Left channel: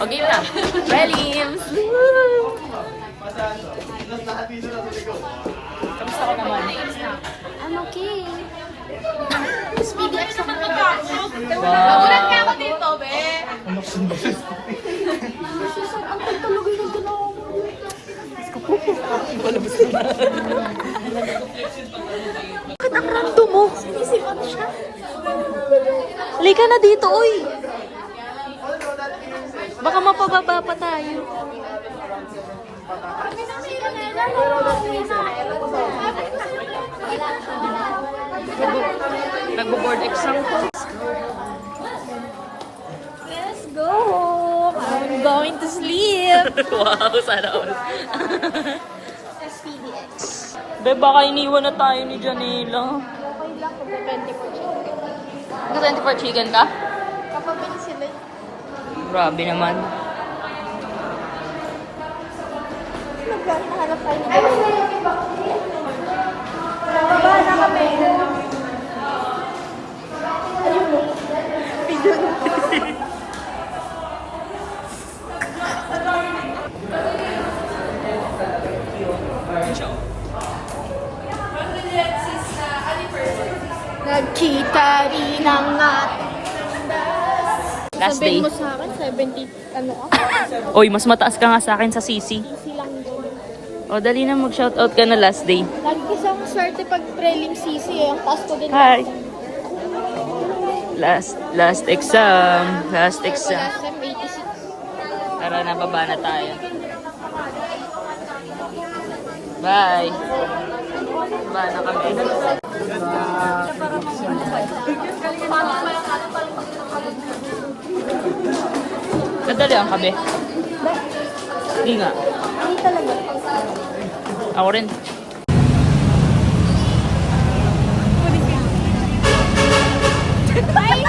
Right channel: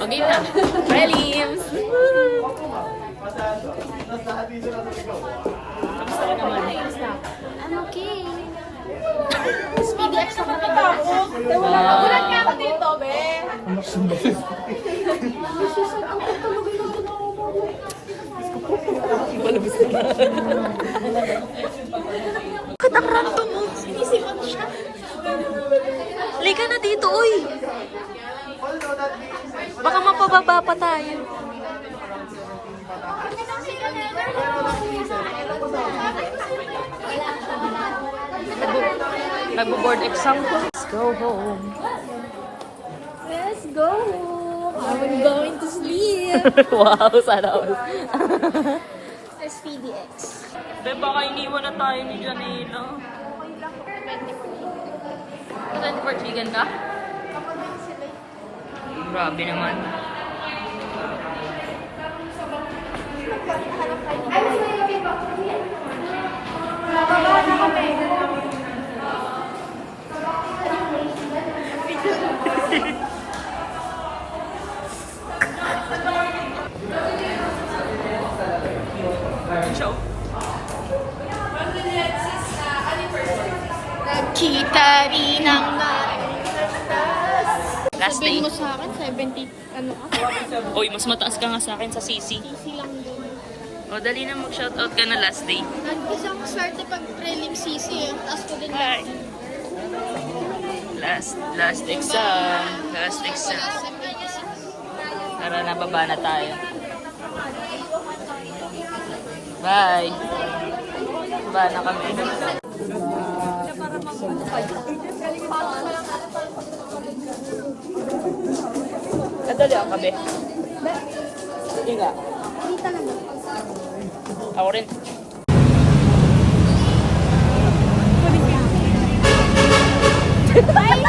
Okay na. Prelims! Kamusta ko naman? I'm okay. Speedy X ako naman. Nagulat niya ako dito, be. Anak ng boses. Palabas na. Bakit ang random mo? Sinisipan mo siya. Lika na dito, oy! Baka mapababa pa tayo. Nagbo-board exam ko. Let's go home. Let's go home. I'm going to sleep. Wow, sana all. Speedy X. Be, baka iniwan na tayo ni Janela. 24 chicken ka? Kapabili sila. Grabe naman. Nagkita rin ang Last day. Sabihin mo sa akin, 70, ano ka? Oy, mas mataas ka nga sa akin sa CC. Easy lang doon. O, dali na mag-shoutout ka na last day. Lagi ko siyang swerte pag prelim CC. Ang taas ko din. Hi. Last exam. Last exam. Tara na, baba na tayo. Bye. Baba na kami. Kadali lang kami. Hindi nga. Hindi talaga. Ako rin. Bye!